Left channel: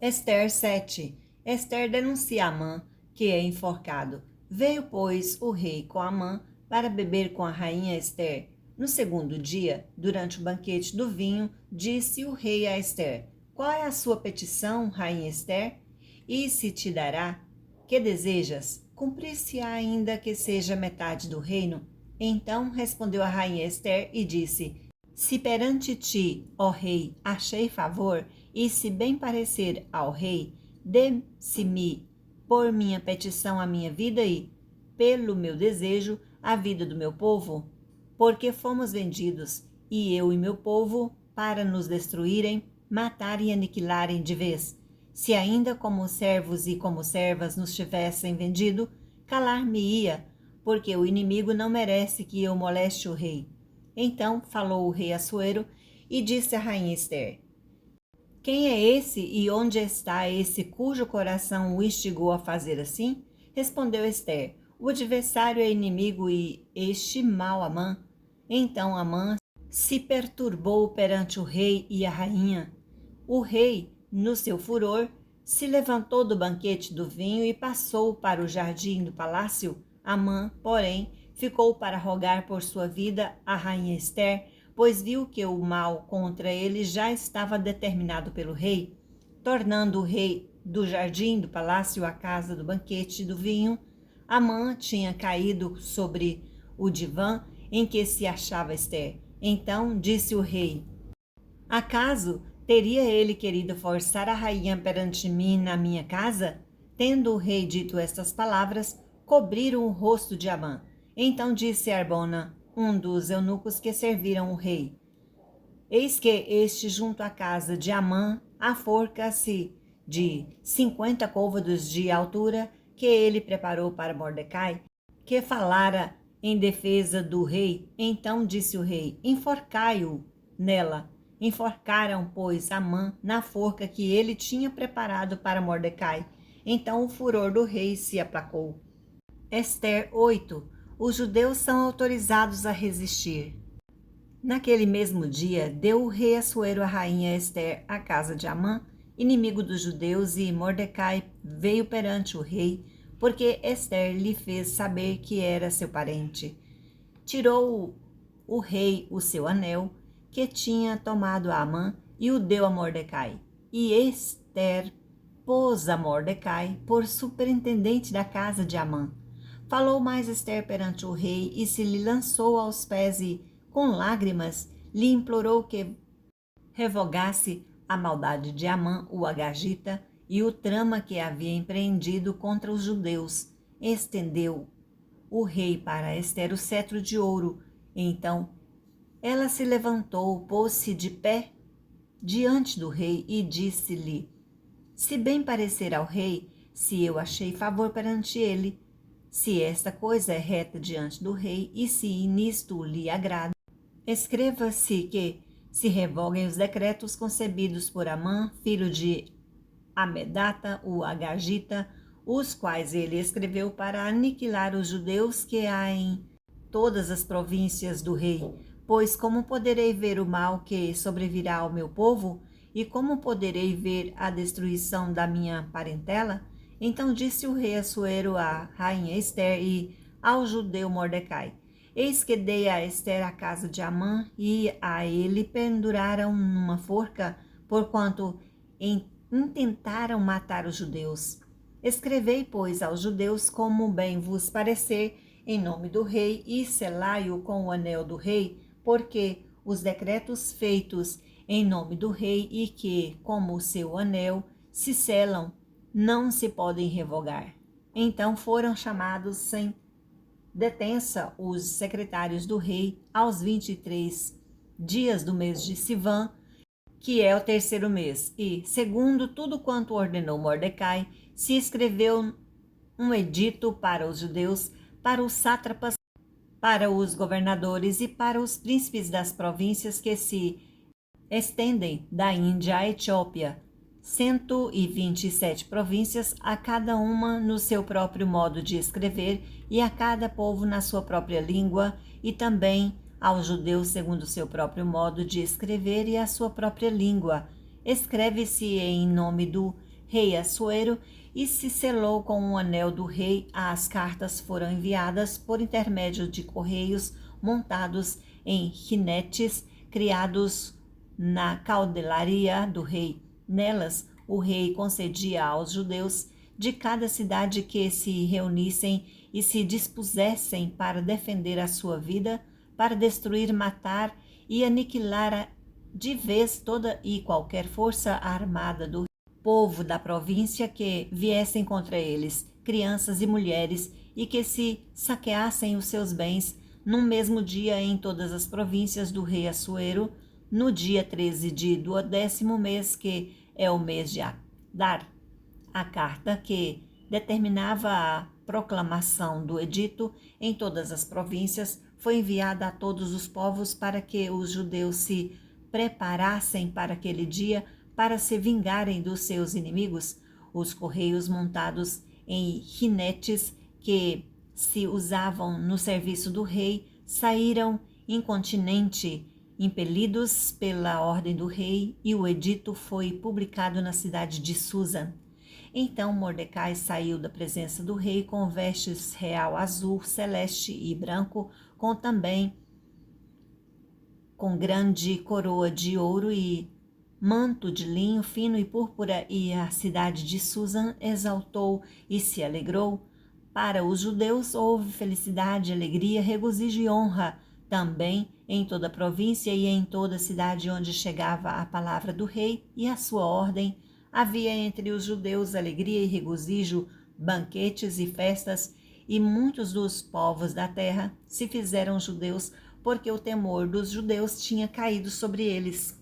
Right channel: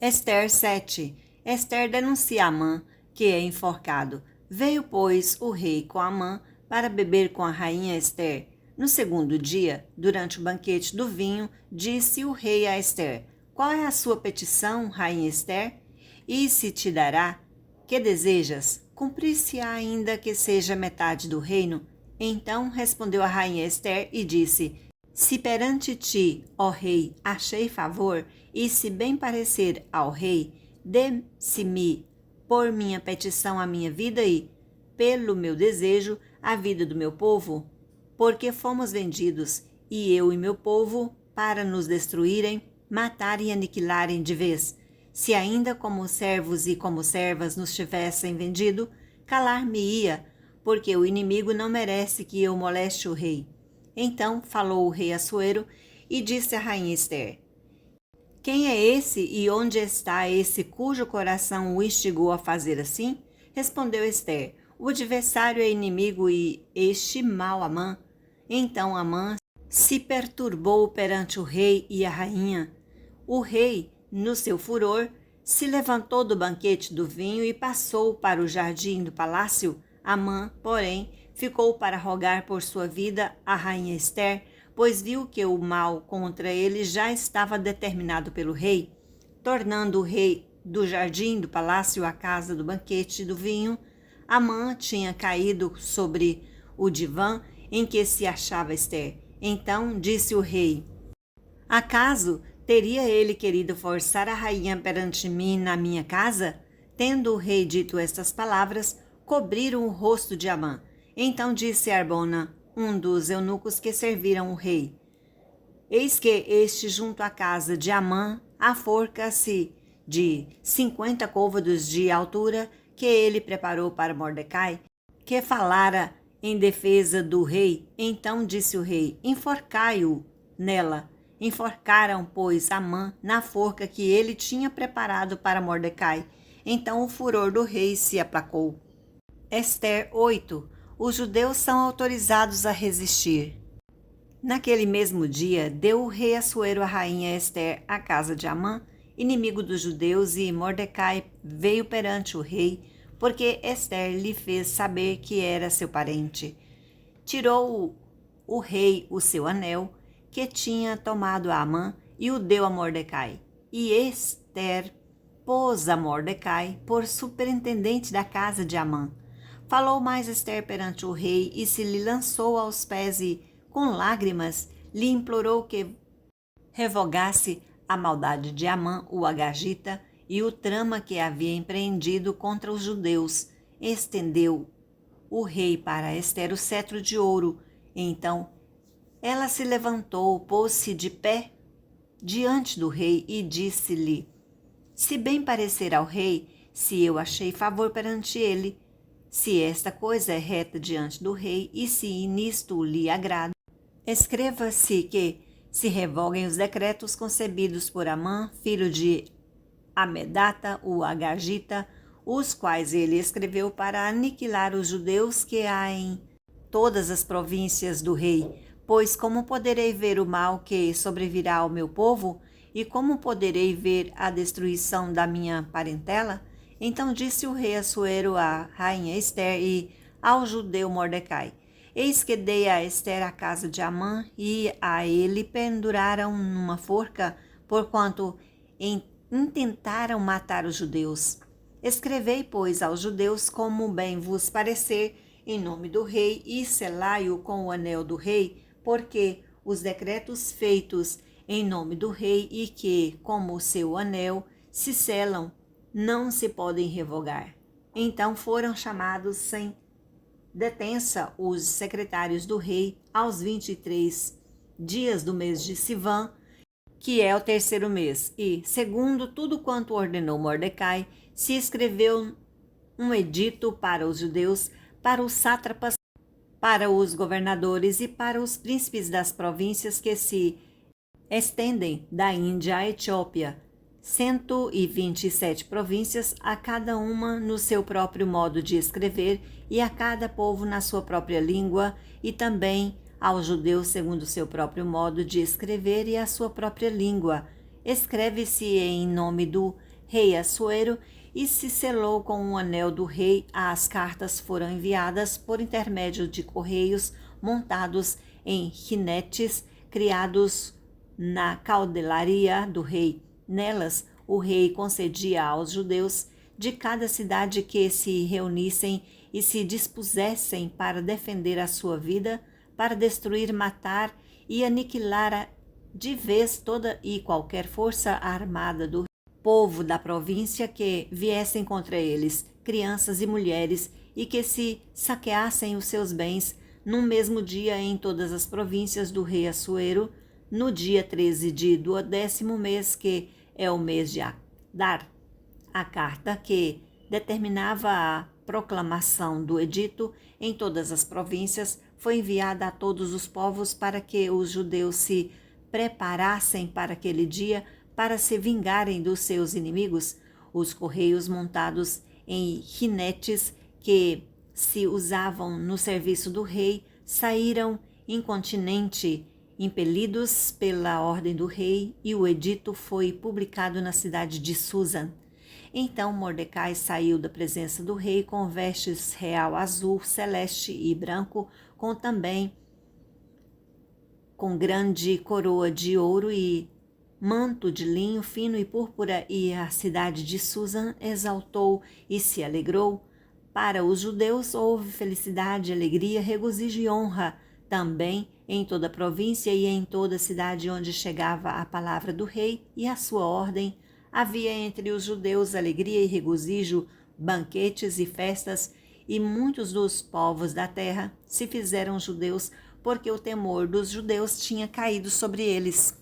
Ester 7. Ester denuncia Amã, que é enforcado. Veio, pois, o rei com Amã para beber com a rainha Ester. No segundo dia, durante o banquete do vinho, disse o rei a Ester: Qual é a sua petição, rainha Ester? E se te dará? Que desejas? Cumprir-se-á ainda que seja metade do reino? Então respondeu a rainha Ester e disse: Se perante ti, ó rei, achei favor, e se bem parecer ao rei, dê-se-me por minha petição a minha vida e, pelo meu desejo, a vida do meu povo, porque fomos vendidos, e eu e meu povo, para nos destruírem, matarem e aniquilarem de vez. Se ainda como servos e como servas nos tivessem vendido, calar-me-ia, porque o inimigo não merece que eu moleste o rei. Então falou o rei Assuero e disse à rainha Ester: Quem é esse e onde está esse cujo coração o instigou a fazer assim? Respondeu Ester: O adversário é inimigo e este mau Amã. Então Amã se perturbou perante o rei e a rainha. O rei, no seu furor, se levantou do banquete do vinho e passou para o jardim do palácio. Amã, porém, ficou para rogar por sua vida à rainha Ester, pois viu que o mal contra ele já estava determinado pelo rei. Tornando o rei do jardim do palácio à casa do banquete do vinho, Amã tinha caído sobre o divã em que se achava Ester. Então disse o rei: Acaso teria ele querido forçar a rainha perante mim na minha casa? Tendo o rei dito estas palavras, cobriram o rosto de Amã. Então disse Arbona, um dos eunucos que serviram o rei: Eis que este junto à casa de Amã a forca-se de 50 côvados de altura que ele preparou para Mordecai, que falara em defesa do rei. Então disse o rei: Enforcai-o nela. Enforcaram, pois, Amã na forca que ele tinha preparado para Mordecai. Então o furor do rei se aplacou. Ester 8. Os judeus são autorizados a resistir. Naquele mesmo dia, deu o rei Assuero a rainha Ester à casa de Amã, inimigo dos judeus, e Mordecai veio perante o rei, porque Ester lhe fez saber que era seu parente. Tirou o rei o seu anel, que tinha tomado a Amã, e o deu a Mordecai. E Ester pôs a Mordecai por superintendente da casa de Amã. Falou mais Ester perante o rei, e se lhe lançou aos pés e, com lágrimas, lhe implorou que revogasse a maldade de Amã, o Agagita, e o trama que havia empreendido contra os judeus. Estendeu o rei para Ester o cetro de ouro. Então ela se levantou, pôs-se de pé diante do rei e disse-lhe: Se bem parecer ao rei, se eu achei favor perante ele, se esta coisa é reta diante do rei e se nisto lhe agrada, escreva-se que se revoguem os decretos concebidos por Amã, filho de Amedata, o Agagita, os quais ele escreveu para aniquilar os judeus que há em todas as províncias do rei. Pois como poderei ver o mal que sobrevirá ao meu povo? E como poderei ver a destruição da minha parentela? Então disse o rei Assuero à rainha Ester e ao judeu Mordecai: Eis que dei a Ester a casa de Amã, e a ele penduraram numa forca, porquanto intentaram matar os judeus. Escrevei, pois, aos judeus como bem vos parecer, em nome do rei, e selai-o com o anel do rei, porque os decretos feitos em nome do rei e que, como o seu anel, se selam, não se podem revogar. Então foram chamados sem detença os secretários do rei aos 23 dias do mês de Sivan, que é o terceiro mês, e, segundo tudo quanto ordenou Mordecai, se escreveu um edito para os judeus, para os sátrapas, para os governadores e para os príncipes das províncias que se estendem da Índia à Etiópia, 127 províncias, a cada uma no seu próprio modo de escrever e a cada povo na sua própria língua, e também aos judeus segundo o seu próprio modo de escrever e a sua própria língua. Escreve-se em nome do rei Assuero e se selou com um anel do rei. As cartas foram enviadas por intermédio de correios montados em rinetes criados na caudelaria do rei. Nelas, o rei concedia aos judeus de cada cidade que se reunissem e se dispusessem para defender a sua vida, para destruir, matar e aniquilar de vez toda e qualquer força armada do povo da província que viessem contra eles, crianças e mulheres, e que se saqueassem os seus bens num mesmo dia em todas as províncias do rei Assuero, no dia 13 do 10º mês, que é o mês de Adar. A carta que determinava a proclamação do edito em todas as províncias foi enviada a todos os povos para que os judeus se preparassem para aquele dia para se vingarem dos seus inimigos. Os correios montados em rinetes que se usavam no serviço do rei saíram incontinenti, impelidos pela ordem do rei, e o edito foi publicado na cidade de Susa. Então Mordecai saiu da presença do rei com vestes real azul, celeste e branco, com grande coroa de ouro e manto de linho fino e púrpura, e a cidade de Susa exaltou e se alegrou. Para os judeus houve felicidade, alegria, regozijo e honra também em toda a província e em toda a cidade onde chegava a palavra do rei e a sua ordem. Havia entre os judeus alegria e regozijo, banquetes e festas, e muitos dos povos da terra se fizeram judeus, porque o temor dos judeus tinha caído sobre eles.